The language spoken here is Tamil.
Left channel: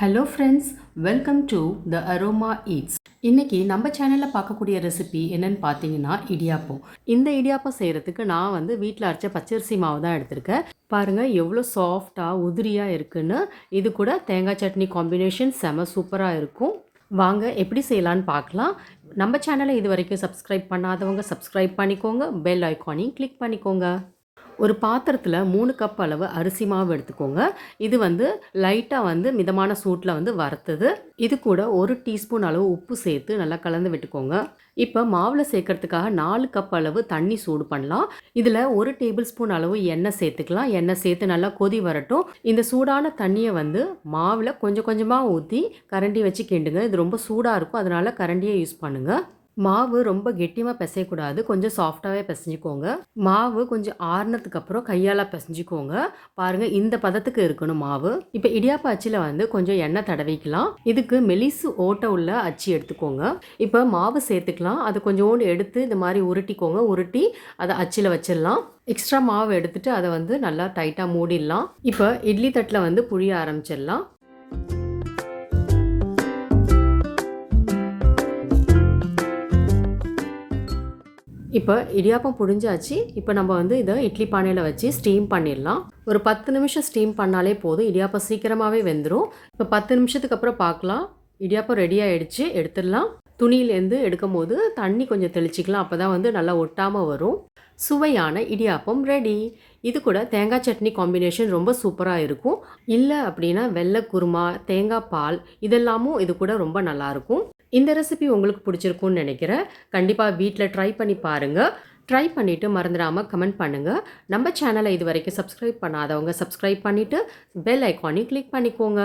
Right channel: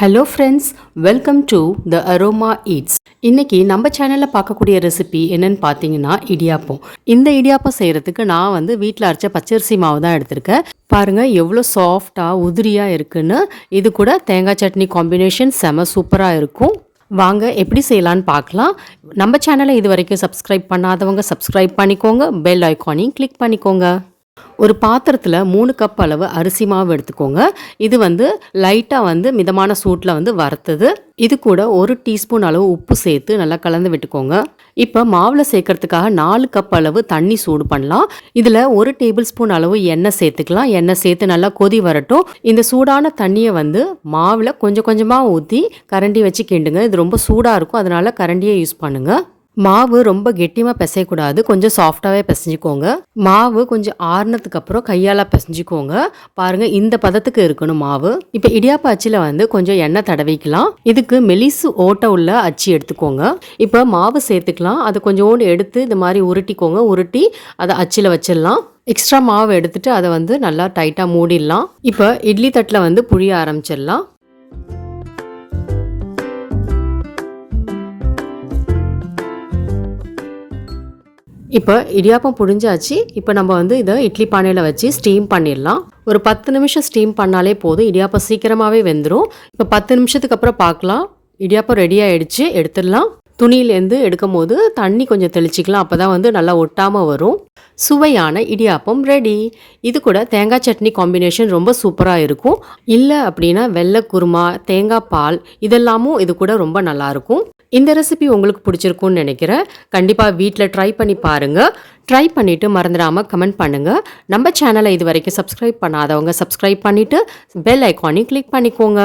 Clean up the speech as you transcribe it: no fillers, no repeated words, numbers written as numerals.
Hello friends, welcome to the aroma eats. இன்றைக்கி நம்ம சேனலில் பார்க்கக்கூடிய ரெசிபி என்னென்னு பார்த்தீங்கன்னா இடியாப்பம். இந்த இடியாப்பம் செய்கிறதுக்கு நான் வீட்டில் அரைச்ச பச்சரிசி மாவு தான் எடுத்திருக்கேன். பாருங்கள் எவ்வளோ சாஃப்டாக உதிரியாக இருக்குன்னு. இது கூட தேங்காய் சட்னி காம்பினேஷன் செம சூப்பராக இருக்கும். வாங்க எப்படி செய்யலான்னு பார்க்கலாம். நம்ம சேனலை இது வரைக்கும் சப்ஸ்கிரைப் பண்ணாதவங்க சப்ஸ்கிரைப் பண்ணிக்கோங்க, பெல் ஐக்கானையும் கிளிக் பண்ணிக்கோங்க. ஒரு பாத்திரத்தில் 3 கப் அளவு அரிசி மாவு எடுத்துக்கோங்க. இது லைட்டாக மிதமான சூட்டில் வறுத்தது. இது கூட 1 டீஸ்பூன் அளவு உப்பு சேர்த்து நல்லா கலந்து விட்டுக்கோங்க. இப்போ மாவில் சேர்க்கறதுக்காக 4 கப் அளவு தண்ணி சூடு பண்ணலாம். இதில் 1 டேபிள் ஸ்பூன் அளவு எண்ணெய் சேர்த்துக்கலாம். எண்ணெய் சேர்த்து நல்லா கொதி வரட்டும். இந்த சூடான தண்ணியை மாவில் கொஞ்சம் கொஞ்சமாக ஊற்றி கரண்டி வச்சு கிண்டுங்க. இது ரொம்ப சூடாக இருக்கும், அதனால் கரண்டியை யூஸ் பண்ணுங்கள். மாவு ரொம்ப கெட்டியாக பிசையக்கூடாது, கொஞ்சம் சாஃப்டாகவே பிசைஞ்சிக்கோங்க. மாவு கொஞ்சம் ஆறுனதுக்கு அப்புறம் கையால் பிசைஞ்சிக்கோங்க. பாருங்கள், இந்த பதத்துக்கு இருக்கணும் மாவு. இப்போ இடியாப்ப அச்சில் கொஞ்சம் எண்ணெய் தடவிக்கலாம். இதுக்கு மெலிசு ஓட்டை உள்ள அச்சி எடுத்துக்கோங்க. இப்போ மாவு சேர்த்துக்கலாம். அதை கொஞ்சோண்டு எடுத்து இந்த மாதிரி உருட்டிக்கோங்க. உருட்டி அதை அச்சில் வச்சிடலாம். எக்ஸ்ட்ரா மாவு எடுத்துட்டு அதை நல்லா டைட்டாக மூடிடலாம். இப்போ இட்லி தட்டில் புழிய ஆரம்பிச்சிடலாம். இப்போ இடியாப்பம் புழிஞ்சாச்சு. இப்போ நம்ம இதை இட்லி பானையில் வச்சு ஸ்டீம் பண்ணிடலாம். ஒரு 10 நிமிஷம் ஸ்டீம் பண்ணாலே போதும். இடியாப்பம் சீக்கிரமாகவே வெந்துடும். இப்போ 10 நிமிஷத்துக்கு அப்புறம் பார்க்கலாம். இடியாப்பம் ரெடி ஆகிடுச்சு, எடுத்துடலாம். துணியிலேருந்து எடுக்கும் போது தண்ணி கொஞ்சம் தெளிச்சிக்கலாம், அப்போ தான் நல்லா ஒட்டாமல் வரும். சுவையான இடியாப்பம் ரெடி. இது கூட தேங்காய் சட்னி காம்பினேஷன் ரொம்ப சூப்பராக இருக்கும். இல்லை அப்படின்னா வெள்ளை குருமா, தேங்காய் பால் இதெல்லாமும் இது கூட ரொம்ப நல்லாயிருக்கும். இந்த ரெசிபி உங்களுக்கு பிடிச்சிருக்கும்னு நினைக்கிறேன். கண்டிப்பாக வீட்டில் ட்ரை பண்ணி பாருங்கள். ட்ரை பண்ணிவிட்டு மறந்துடாமல் கமெண்ட் பண்ணுங்கள். நம்ம சேனலை இது வரைக்கும் சப்ஸ்கிரைப் பண்ணாதவங்க சப்ஸ்கிரைப் பண்ணிவிட்டு பெல் ஐக்கானையும் கிளிக் பண்ணிக்கோங்க.